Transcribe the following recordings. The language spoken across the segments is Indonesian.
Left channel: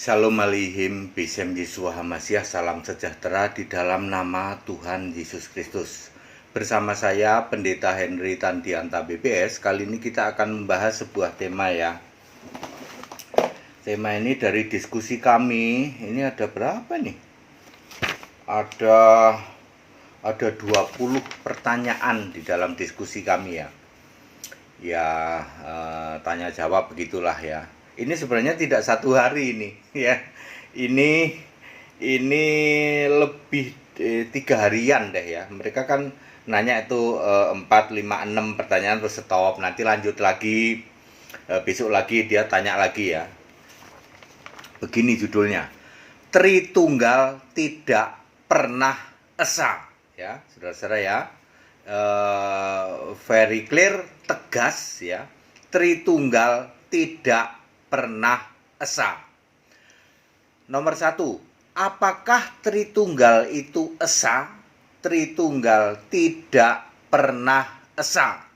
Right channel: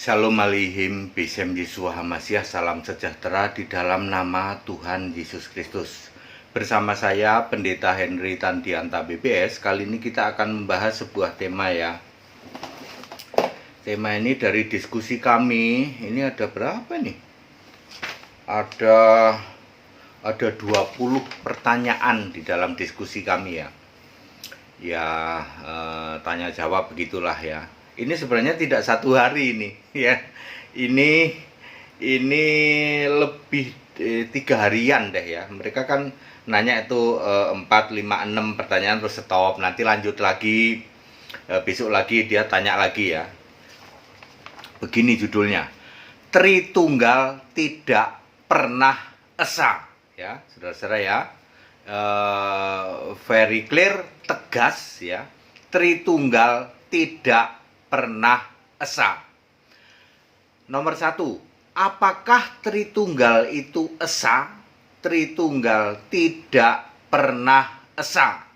Shalom Aleichem, Besem Yeshua Hamasyah, salam sejahtera di dalam nama Tuhan Yesus Kristus. Bersama saya Pendeta Henry Tandianta BBS. Kali ini kita akan membahas sebuah tema ya. Tema ini dari diskusi kami. Ini ada berapa nih? Ada 20 pertanyaan di dalam diskusi kami ya. Tanya jawab begitulah ya. Ini sebenarnya tidak satu hari ini ya. Ini lebih 3 harian deh ya. Mereka kan nanya itu 4, 5, 6 pertanyaan terus stop. Nanti lanjut lagi, besok lagi dia tanya lagi ya. Begini judulnya, Tritunggal tidak pernah esa ya, saudara-saudara ya. Very clear, tegas ya. Tritunggal tidak pernah esa. Nomor 1, apakah Tritunggal itu esa? Tritunggal tidak pernah esa.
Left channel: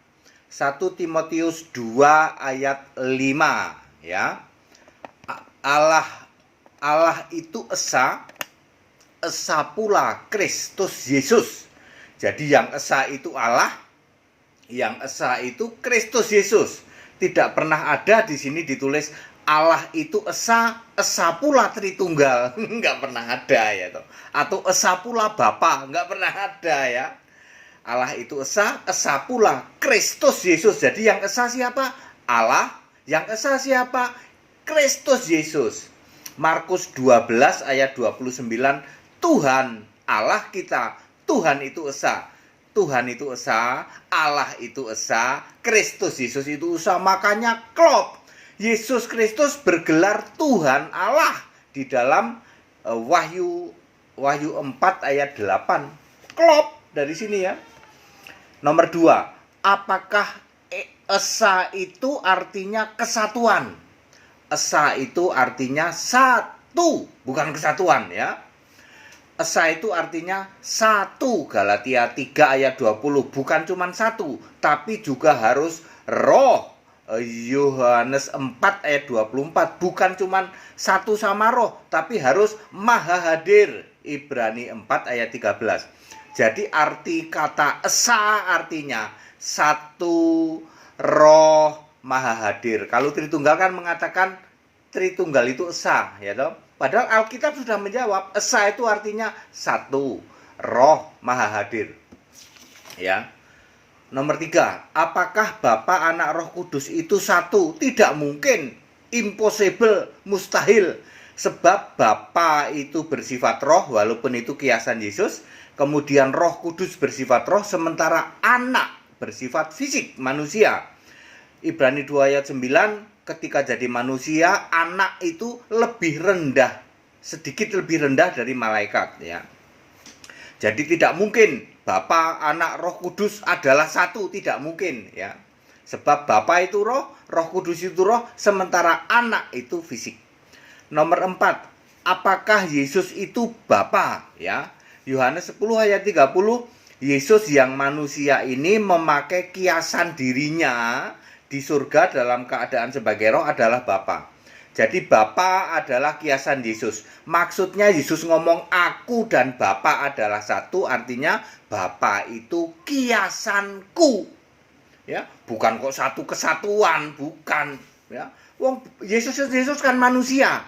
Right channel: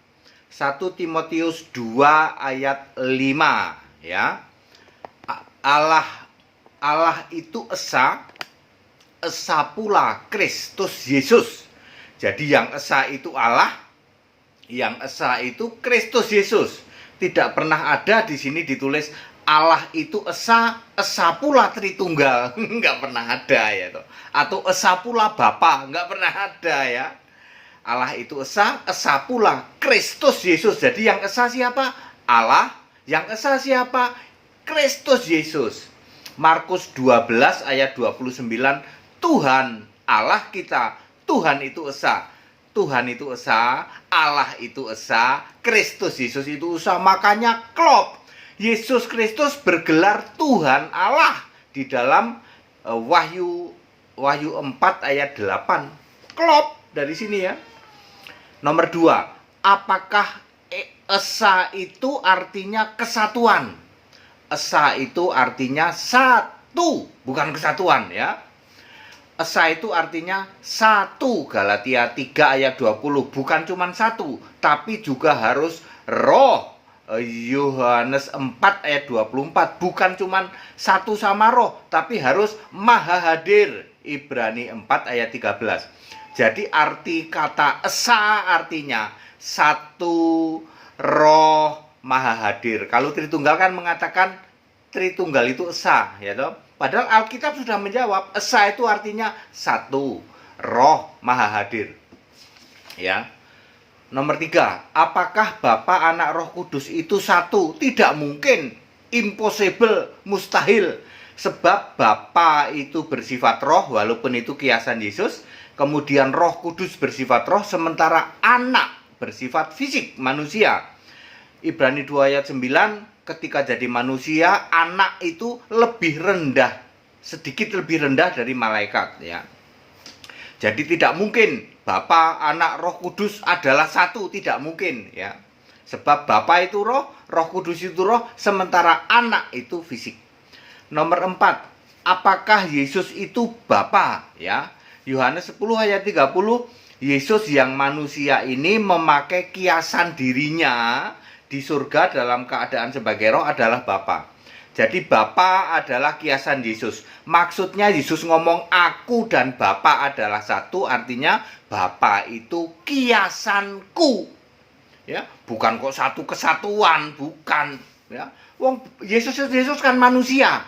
1 Timotius 2 ayat 5 ya. Allah itu esa, esa pula Kristus Yesus. Jadi yang esa itu Allah, yang esa itu Kristus Yesus. Tidak pernah ada di sini ditulis Allah itu esa, esa pula Tritunggal. Enggak pernah ada ya toh. Atau esa pula Bapa, enggak pernah ada ya. Allah itu esa, esa pula Kristus Yesus. Jadi yang esa siapa? Allah. Yang esa siapa? Kristus Yesus. Markus 12 ayat 29, Tuhan Allah kita, Tuhan itu esa. Tuhan itu esa, Allah itu esa, Kristus Yesus itu esa. Makanya klop, Yesus Kristus bergelar Tuhan Allah di dalam Wahyu 4 ayat 8. Klop dari sini ya. Nomor 2, apakah esa itu artinya kesatuan? Esa itu artinya satu, bukan kesatuan ya. Esa itu artinya satu, Galatia 3 ayat 20. Bukan cuma satu, tapi juga harus roh. Yohanes 4 ayat 24. Bukan cuma satu sama roh, tapi harus maha hadir. Ibrani 4 ayat 13. Jadi arti kata esa artinya satu, roh, maha hadir. Kalau Tritunggal kan mengatakan Tritunggal itu esa ya toh. Padahal Alkitab sudah menjawab, esa itu artinya satu, roh, maha hadir. Ya. Nomor 3, apakah Bapa, Anak, Roh Kudus itu satu? Tidak mungkin, impossible, mustahil. Sebab Bapa itu bersifat roh, walaupun itu kiasan Yesus. Kemudian Roh Kudus bersifat roh, sementara Anak bersifat fisik, manusia. Ibrani 2 ayat 9, ketika jadi manusia, anak itu lebih rendah, sedikit lebih rendah dari malaikat ya. Jadi tidak mungkin Bapa, Anak, Roh Kudus adalah satu, tidak mungkin ya. Sebab Bapa itu roh, Roh Kudus itu roh, sementara anak itu fisik. Nomor 4, apakah Yesus itu Bapa ya? Yohanes 10 ayat 30, Yesus yang manusia ini memakai kiasan dirinya di surga dalam keadaan sebagai roh adalah Bapa. Jadi Bapa adalah kiasan Yesus. Maksudnya Yesus ngomong aku dan Bapa adalah satu, artinya Bapa itu kiasanku. Ya, bukan kok satu kesatuan, bukan ya. Wong Yesus kan manusia.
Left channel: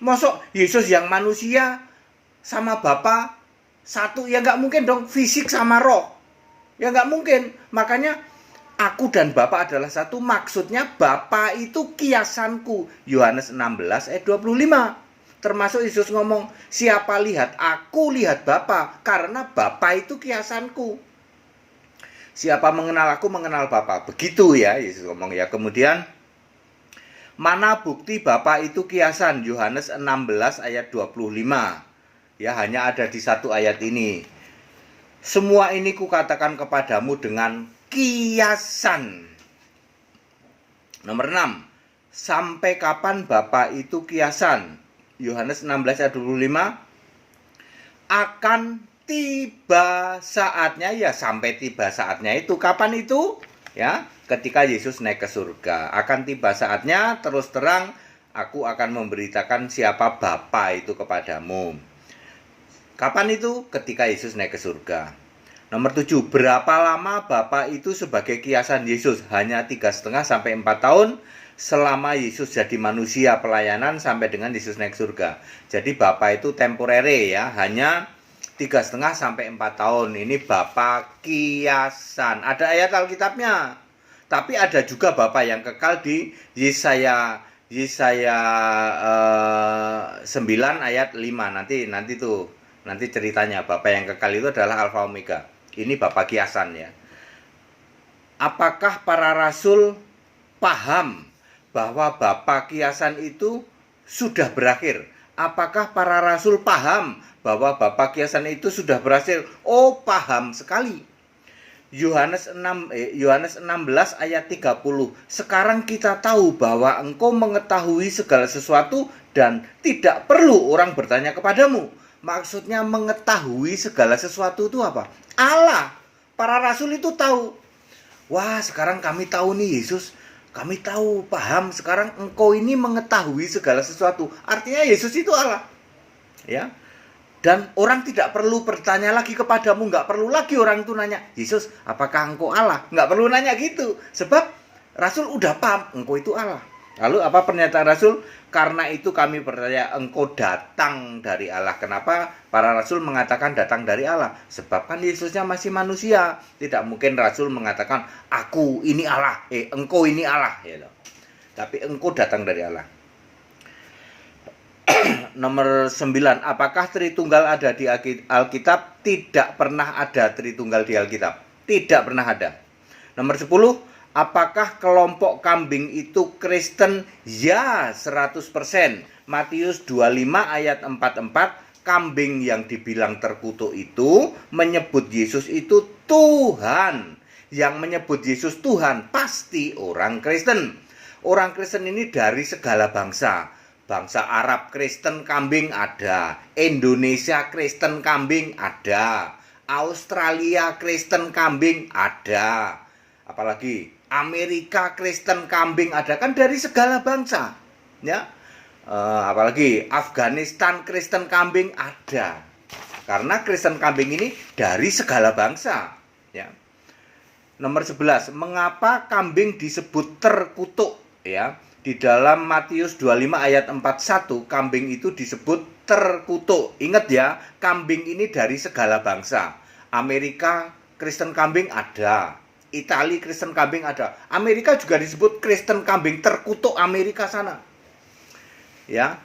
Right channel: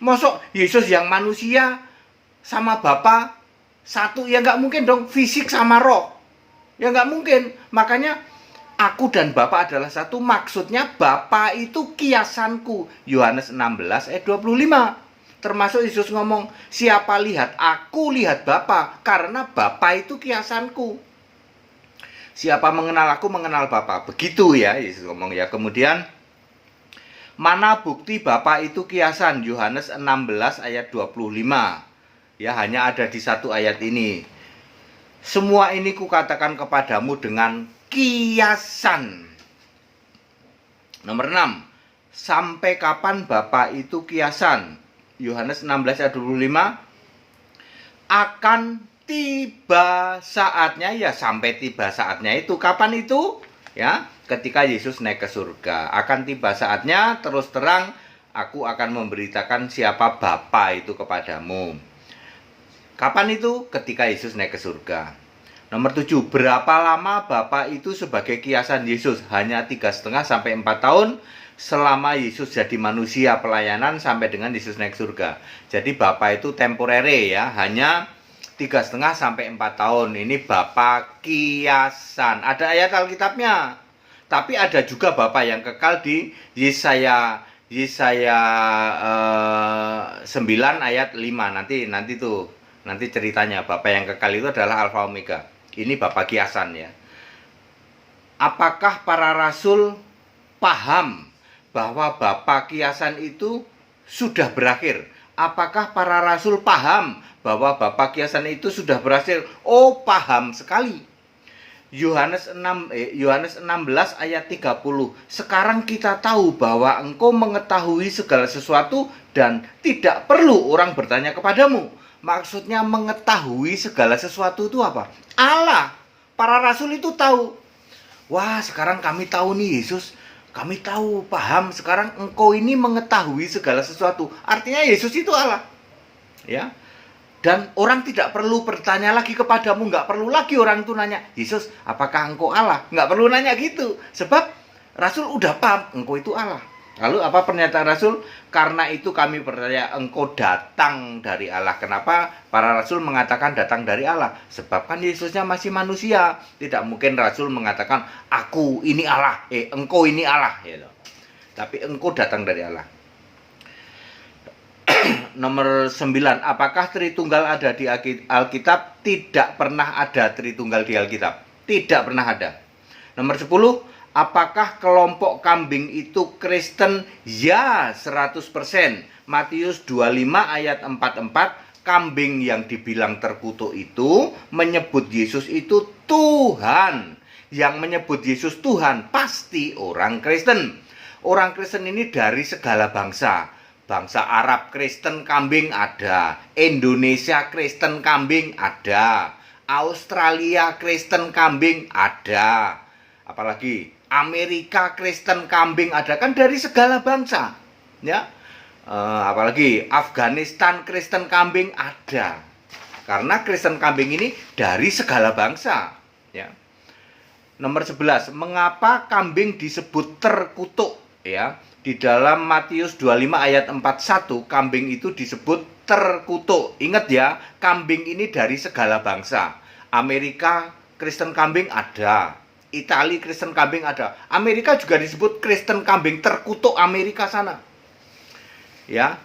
Mosok Yesus yang manusia sama Bapa satu, ya nggak mungkin dong, fisik sama roh. Ya nggak mungkin. Makanya aku dan Bapa adalah satu, maksudnya Bapa itu kiasanku. Yohanes 16 ayat 25. Termasuk Yesus ngomong, siapa lihat aku, lihat Bapa, karena Bapa itu kiasanku. Siapa mengenal aku, mengenal Bapa. Begitu ya Yesus ngomong ya. Kemudian, mana bukti Bapa itu kiasan? Yohanes 16 ayat 25. Ya, hanya ada di satu ayat ini. Semua ini kukatakan kepadamu dengan kiasan. Nomor 6, sampai kapan Bapa itu kiasan? Yohanes 16 ayat 25, akan tiba saatnya, ya sampai tiba saatnya itu. Kapan itu? Ya, ketika Yesus naik ke surga. Akan tiba saatnya, terus terang, aku akan memberitakan siapa Bapa itu kepadamu. Kapan itu? Ketika Yesus naik ke surga. Nomor 7, berapa lama Bapa itu sebagai kiasan Yesus? Hanya 3,5 sampai 4 tahun selama Yesus jadi manusia pelayanan sampai dengan Yesus naik surga. Jadi Bapa itu temporere ya, hanya 3,5 sampai 4 tahun. Ini Bapa kiasan. Ada ayat Alkitabnya. Tapi ada juga Bapa yang kekal di Yesaya 9 ayat 5. Nanti ceritanya Bapa yang kekal itu adalah Alfa Omega. Ini Bapa kiasan ya. Apakah para rasul paham bahwa Bapa kiasan itu sudah berakhir? Apakah para rasul paham bahwa Bapa kiasan itu sudah berhasil? Oh, paham sekali. Yohanes 16 ayat 30. Sekarang kita tahu bahwa engkau mengetahui segala sesuatu dan tidak perlu orang bertanya kepadamu. Maksudnya mengetahui segala sesuatu itu apa? Allah. Para rasul itu tahu. Wah, sekarang kami tahu nih Yesus. Kami tahu, paham. Sekarang engkau ini mengetahui segala sesuatu. Artinya Yesus itu Allah. Ya. Dan orang tidak perlu bertanya lagi kepadamu. Nggak perlu lagi orang itu nanya, Yesus, apakah engkau Allah? Nggak perlu nanya gitu. Sebab Rasul udah paham, engkau itu Allah. Lalu apa pernyataan Rasul? Karena itu kami percaya engkau datang dari Allah. Kenapa para Rasul mengatakan datang dari Allah? Sebab kan Yesusnya masih manusia. Tidak mungkin Rasul mengatakan, aku ini Allah, engkau ini Allah. Gitu. Tapi engkau datang dari Allah. Nomor 9, apakah Tritunggal ada di Alkitab? Tidak pernah ada Tritunggal di Alkitab. Tidak pernah ada. Nomor 10, apakah kelompok kambing itu Kristen? Ya, 100%. Matius 25 ayat 44, kambing yang dibilang terkutuk itu menyebut Yesus itu Tuhan. Yang menyebut Yesus Tuhan pasti orang Kristen. Orang Kristen ini dari segala bangsa. Bangsa Arab Kristen kambing ada, Indonesia Kristen kambing ada, Australia Kristen kambing ada, apalagi Amerika Kristen kambing ada, kan dari segala bangsa, ya. Apalagi Afghanistan Kristen kambing ada, karena Kristen kambing ini dari segala bangsa, ya. Nomor 11, mengapa kambing disebut terkutuk, ya? Di dalam Matius 25 ayat 41, kambing itu disebut terkutuk. Ingat ya, kambing ini dari segala bangsa. Amerika Kristen kambing ada, Italia Kristen kambing ada. Amerika juga disebut Kristen kambing terkutuk Amerika sana. Ya,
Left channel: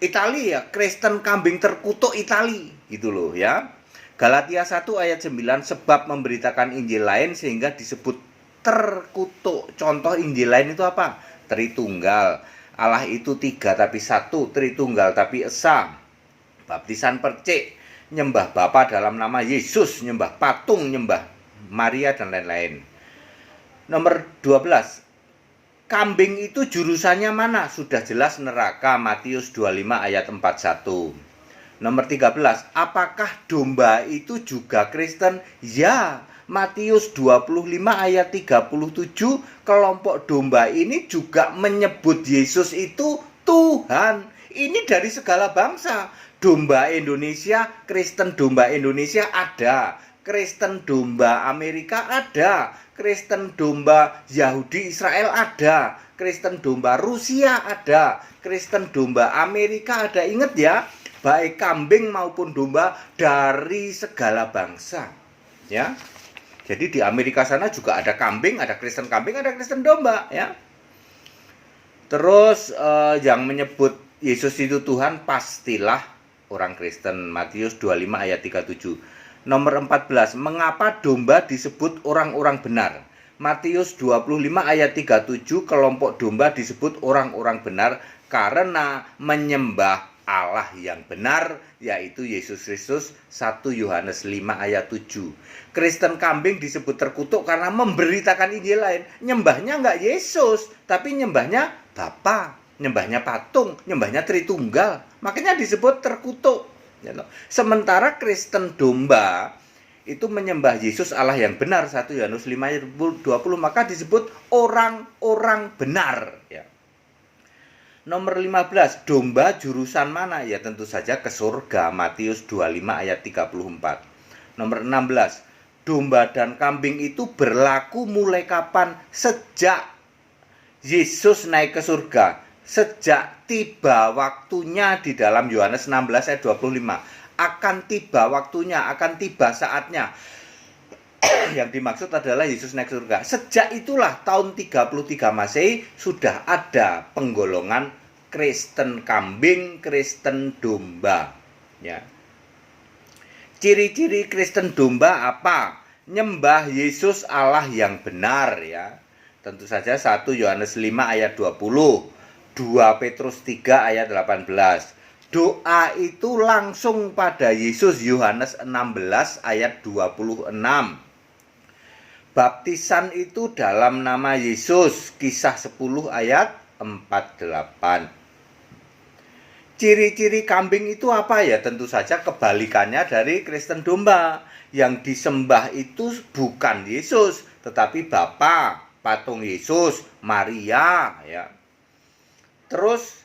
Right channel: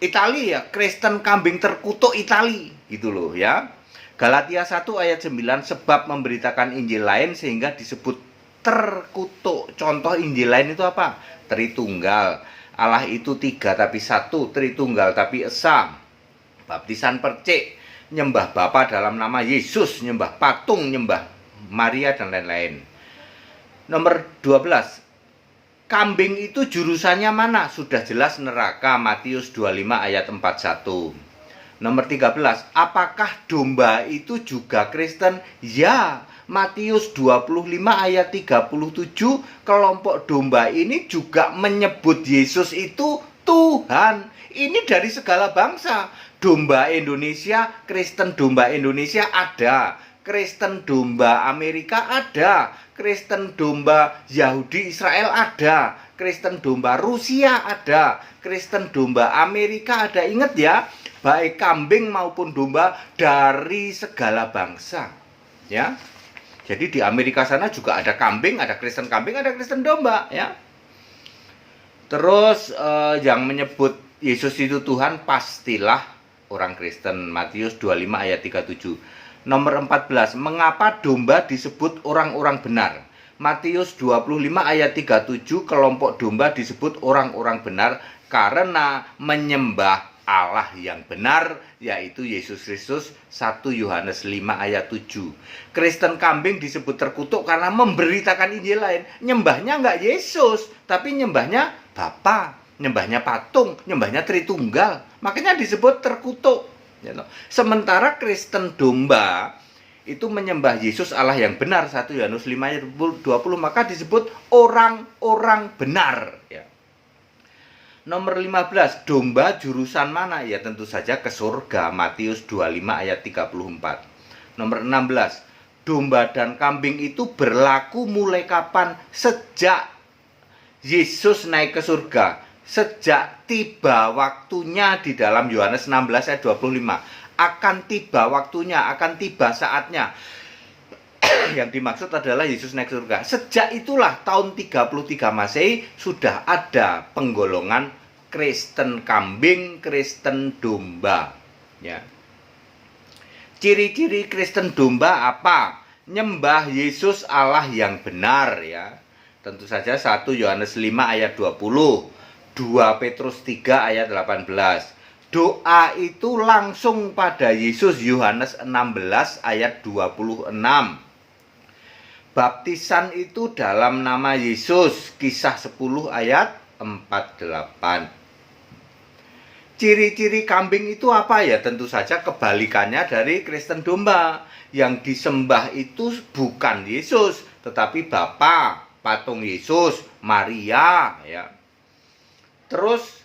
Italia ya, Kristen kambing terkutuk Italia, gitu loh ya. Galatia 1 ayat 9, sebab memberitakan Injil lain sehingga disebut terkutuk. Contoh Injil lain itu apa? Tritunggal. Allah itu 3 tapi 1, Tritunggal tapi esa. Baptisan percik, nyembah Bapa dalam nama Yesus, nyembah patung, nyembah Maria dan lain-lain. Nomor 12, kambing itu jurusannya mana? Sudah jelas neraka, Matius 25 ayat 41. Nomor 13, apakah domba itu juga Kristen? Ya, Matius 25 ayat 37, kelompok domba ini juga menyebut Yesus itu Tuhan. Ini dari segala bangsa. Domba Indonesia, Kristen domba Indonesia ada. Kristen domba Amerika ada. Kristen domba Yahudi Israel ada. Kristen domba Rusia ada. Kristen domba Amerika ada. Ingat ya, baik kambing maupun domba dari segala bangsa. Ya. Jadi di Amerika sana juga ada kambing, ada Kristen kambing, ada Kristen domba, ya. Terus yang menyebut Yesus itu Tuhan pastilah orang Kristen. Matius 25 ayat 37. Nomor 14, mengapa domba disebut orang-orang benar? Matius 25 ayat 37, kelompok domba disebut orang-orang benar karena menyembah Allah yang benar, yaitu Yesus Kristus. 1 Yohanes 5 ayat 7. Kristen kambing disebut terkutuk karena memberitakan Injil lain. Nyembahnya enggak Yesus, tapi nyembahnya Bapa, nyembahnya patung, nyembahnya Tritunggal. Makanya disebut terkutuk. Sementara Kristen domba itu menyembah Yesus Allah yang benar, 1 Yohanes 5 ayat 20, maka disebut orang-orang benar, ya. Nomor 15, domba jurusan mana? Ya tentu saja ke surga, Matius 25 ayat 34. Nomor 16, domba dan kambing itu berlaku mulai kapan? Sejak Yesus naik ke surga, sejak tiba waktunya di dalam Yohanes 16 ayat 25. Akan tiba waktunya, akan tiba saatnya. Yang dimaksud adalah Yesus naik surga. Sejak itulah tahun 33 Masehi sudah ada penggolongan Kristen kambing, Kristen domba. Ya. Ciri-ciri Kristen domba apa? Nyembah Yesus Allah yang benar, ya. Tentu saja 1 Yohanes 5 ayat 20, 2 Petrus 3 ayat 18. Doa itu langsung pada Yesus, Yohanes 16 ayat 26. Baptisan itu dalam nama Yesus, Kisah 10 ayat 48. Ciri-ciri kambing itu apa ya? Tentu saja kebalikannya dari Kristen domba. Yang disembah itu bukan Yesus, tetapi Bapa, patung Yesus, Maria, ya. Terus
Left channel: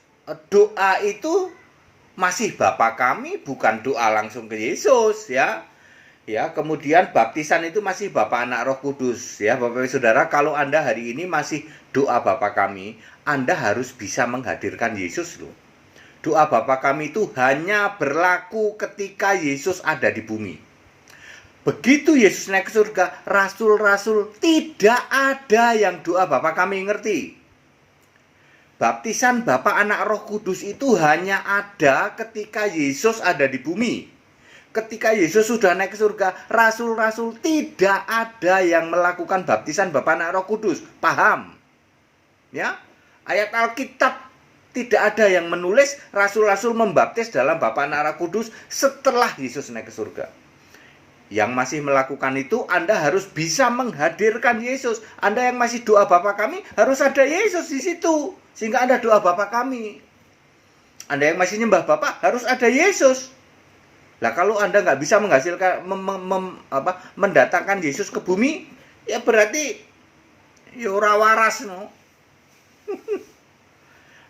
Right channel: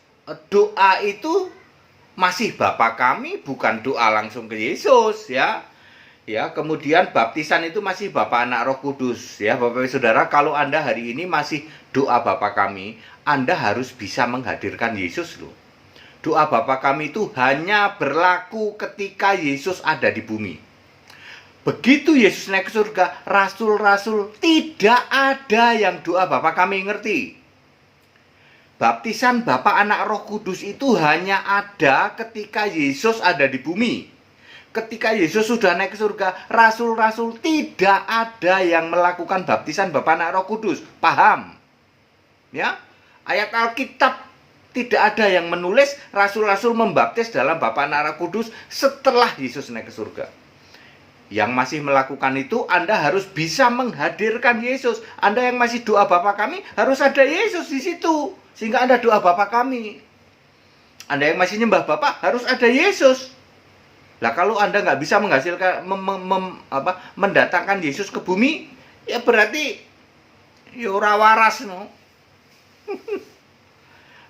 doa itu masih Bapa kami, bukan doa langsung ke Yesus, ya. Ya, kemudian baptisan itu masih Bapa, Anak, Roh Kudus, ya. Bapak Ibu Saudara, kalau Anda hari ini masih doa Bapa kami, Anda harus bisa menghadirkan Yesus loh. Doa Bapa kami itu hanya berlaku ketika Yesus ada di bumi. Begitu Yesus naik ke surga, rasul-rasul tidak ada yang doa Bapa kami, ngerti? Baptisan Bapa, Anak, Roh Kudus itu hanya ada ketika Yesus ada di bumi. Ketika Yesus sudah naik ke surga, rasul-rasul tidak ada yang melakukan baptisan Bapa, Anak, Roh Kudus. Paham? Ya? Ayat Alkitab tidak ada yang menulis rasul-rasul membaptis dalam Bapa, Anak, Roh Kudus setelah Yesus naik ke surga. Yang masih melakukan itu, Anda harus bisa menghadirkan Yesus. Anda yang masih doa Bapa kami, harus ada Yesus di situ, sehingga Anda doa Bapa kami. Anda yang masih nyembah Bapa, harus ada Yesus. Lah kalau Anda nggak bisa menghasilkan mendatangkan Yesus ke bumi, ya berarti ya ora waras no.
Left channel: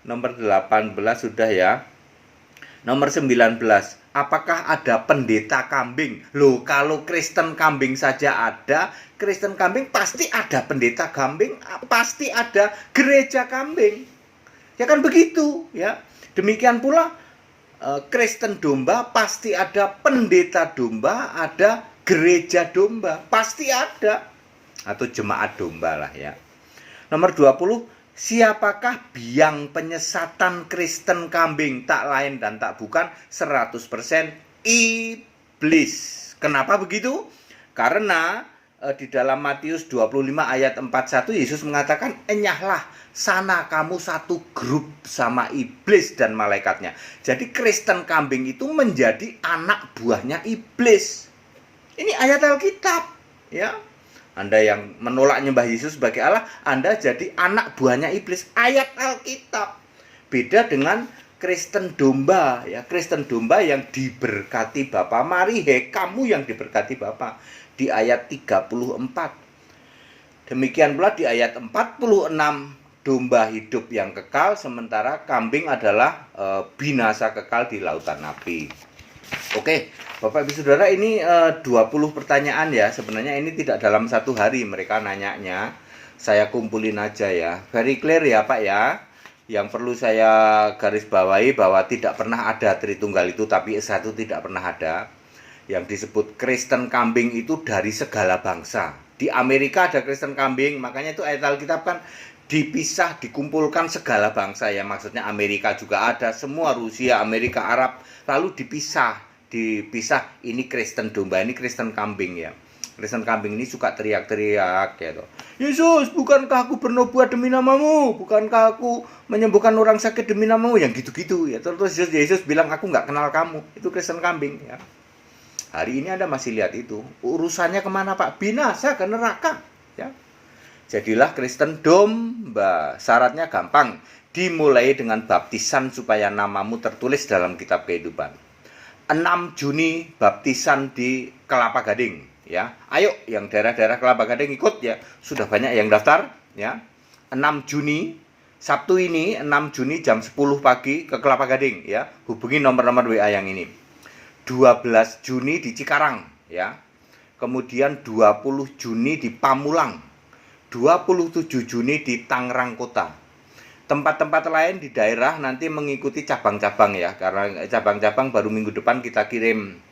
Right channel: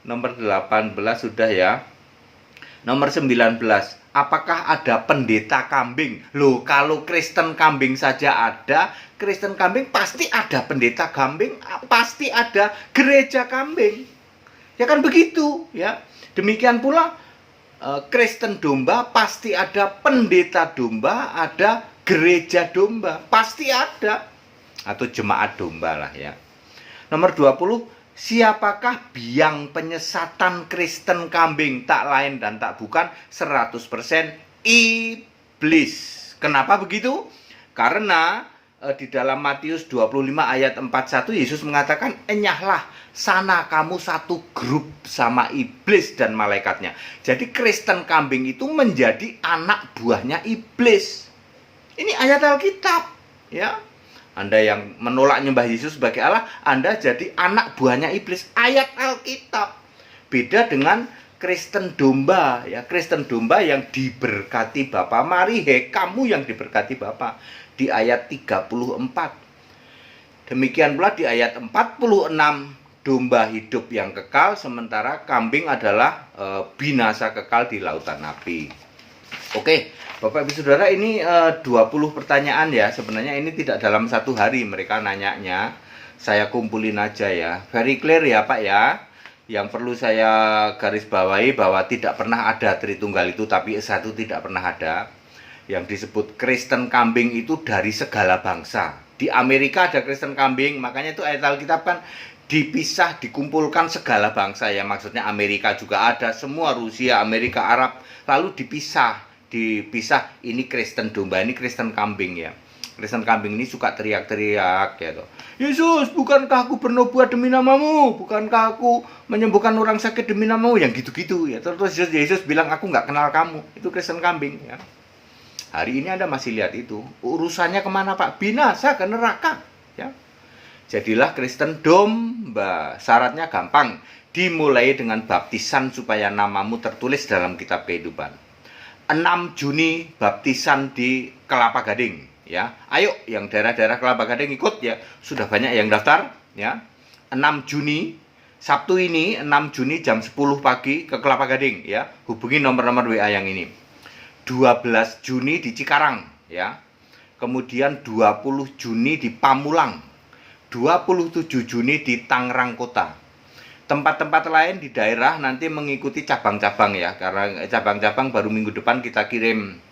Nomor 18 sudah ya. Nomor 19, apakah ada pendeta kambing? Loh, kalau Kristen kambing saja ada, Kristen kambing pasti ada pendeta kambing, pasti ada gereja kambing. Ya kan begitu, ya. Demikian pula Kristen domba pasti ada pendeta domba, ada gereja domba, pasti ada. Atau jemaat domba lah ya. Nomor 20, siapakah biang penyesatan Kristen kambing? Tak lain dan tak bukan 100% iblis. Kenapa begitu? Karena di dalam Matius 25 ayat 41 Yesus mengatakan, enyahlah sana kamu satu grup sama iblis dan malaikatnya. Jadi Kristen kambing itu menjadi anak buahnya iblis. Ini ayat Alkitab, ya. Anda yang menolak nyembah Yesus sebagai Allah, Anda jadi anak buahnya iblis. Ayat Alkitab. Beda dengan Kristen domba, ya. Kristen domba yang diberkati Bapa. Mari kamu yang diberkati Bapa. Di ayat 34. Demikian pula di ayat 46. Domba hidup yang kekal, sementara kambing adalah binasa kekal di lautan api. Oke, Bapak Ibu Saudara, ini 20 pertanyaan ya. Sebenarnya ini tidak dalam satu hari mereka nanyanya. Saya kumpulin aja ya. Very clear ya Pak ya. Yang perlu saya garis bawahi bahwa tidak pernah ada Tritunggal itu, tapi satu tidak pernah ada. Yang disebut Kristen kambing itu dari segala bangsa. Di Amerika ada Kristen kambing, makanya itu ayat Alkitab kan dipisah, dikumpulkan segala bangsa ya, maksudnya Amerika juga ada, semua Rusia, Amerika, Arab, lalu dipisah, ini Kristen domba, ini Kristen kambing ya. Kristen kambing ini suka teriak-teriak ya, Yesus, bukankah aku bernubuat demi namamu? Bukankah aku menyembuhkan orang sakit demi namamu? Yang gitu-gitu ya. Terus Yesus bilang, aku nggak kenal kamu. Itu Kristen kambing ya. Hari ini Anda masih lihat itu. Urusannya kemana Pak? Binasa ke neraka ya. Jadilah Kristen domba. Syaratnya gampang. Dimulai dengan baptisan supaya namamu tertulis dalam kitab kehidupan. 6 Juni baptisan di Kelapa Gading ya. Ayo yang daerah-daerah Kelapa Gading ikut ya. Sudah banyak yang daftar ya. 6 Juni Sabtu ini 6 Juni jam 10 pagi ke Kelapa Gading ya. Hubungi nomor-nomor WA yang ini. 12 Juni di Cikarang ya. Kemudian 20 Juni di Pamulang. 27 Juni di Tangerang Kota. Tempat-tempat lain di daerah nanti mengikuti cabang-cabang ya, karena cabang-cabang baru minggu depan kita kirim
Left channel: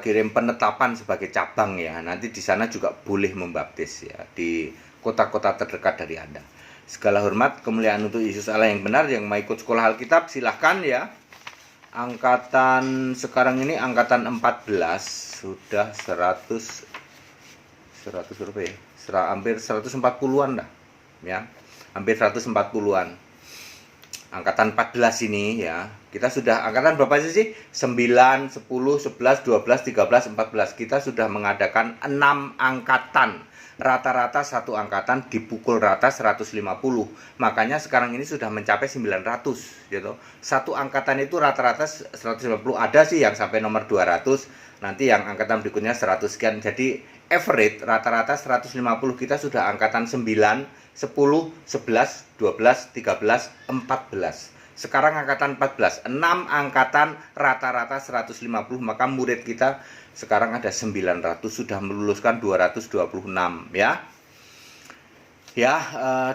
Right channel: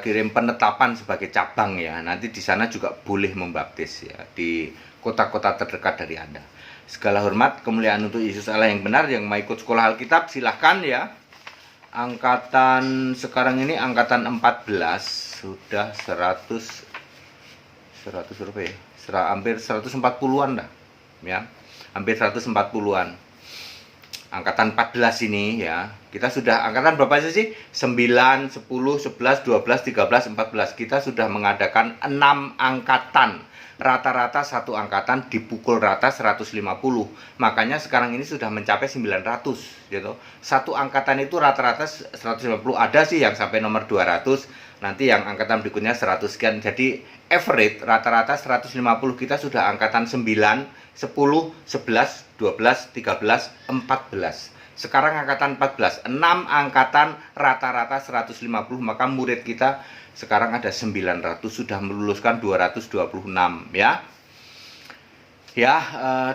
kirim penetapan sebagai cabang ya. Nanti di sana juga boleh membaptis ya di kota-kota terdekat dari Anda. Segala hormat kemuliaan untuk Yesus Allah yang benar. Yang mau ikut sekolah Alkitab silahkan ya. Angkatan sekarang ini angkatan 14 sudah 100 berapa ya? Hampir 140-an dah ya. Hampir 140-an. Angkatan 14 ini ya. Kita sudah angkatan berapa sih? 9, 10, 11, 12, 13, 14. Kita sudah mengadakan 6 angkatan. Rata-rata satu angkatan dipukul rata 150. Makanya sekarang ini sudah mencapai 900 gitu. Satu angkatan itu rata-rata 150. Ada sih yang sampai nomor 200. Nanti yang angkatan berikutnya 100 sekian. Jadi average rata-rata 150. Kita sudah angkatan 9, 10, 11, 12, 13, 14. Sekarang angkatan 14, 6 angkatan rata-rata 150, maka murid kita sekarang ada 900, sudah meluluskan 226 ya. Ya,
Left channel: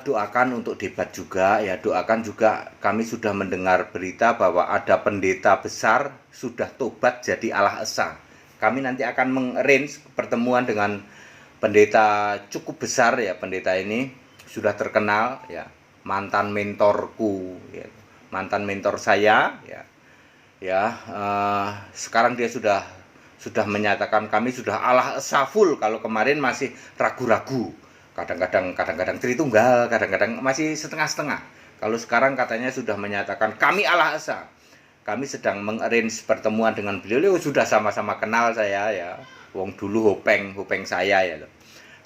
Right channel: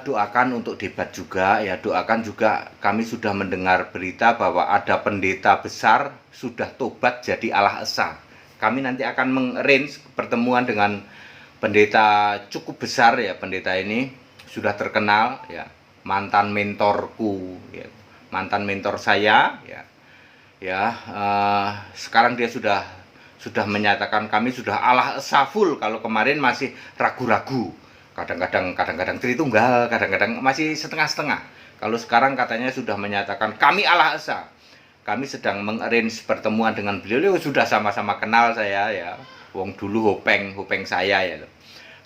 doakan untuk debat juga ya, doakan juga. Kami sudah mendengar berita bahwa ada pendeta besar sudah tobat jadi Allah Esa. Kami nanti akan mengarrange pertemuan dengan pendeta cukup besar ya. Pendeta ini sudah terkenal ya, mantan mentorku ya, mantan mentor saya ya. Sekarang dia sudah menyatakan kami sudah Allah Esa full. Kalau kemarin masih ragu-ragu, kadang-kadang Tritunggal, kadang-kadang masih setengah-setengah. Kalau sekarang katanya sudah menyatakan kami Allah Esa. Kami sedang mengarrange pertemuan dengan beliau. Sudah sama-sama kenal saya ya, wong dulu hopeng saya ya.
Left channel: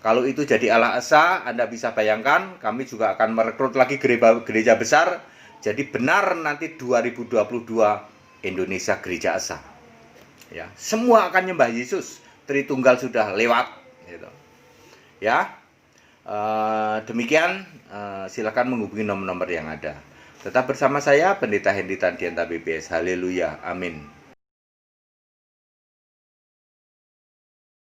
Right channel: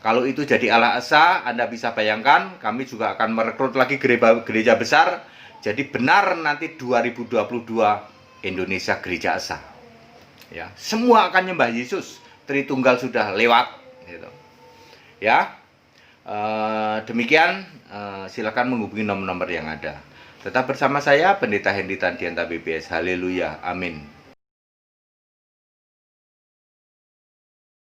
Kalau itu jadi Allah Esa, Anda bisa bayangkan kami juga akan merekrut lagi gereja besar. Jadi benar nanti 2022 Indonesia Gereja Esa. Ya, semua akan nyembah Yesus. Tritunggal sudah lewat gitu. Ya. Demikian silakan menghubungi nomor-nomor yang ada. Tetap bersama saya Pendeta Hendy Tandianta BPS. Haleluya. Amin.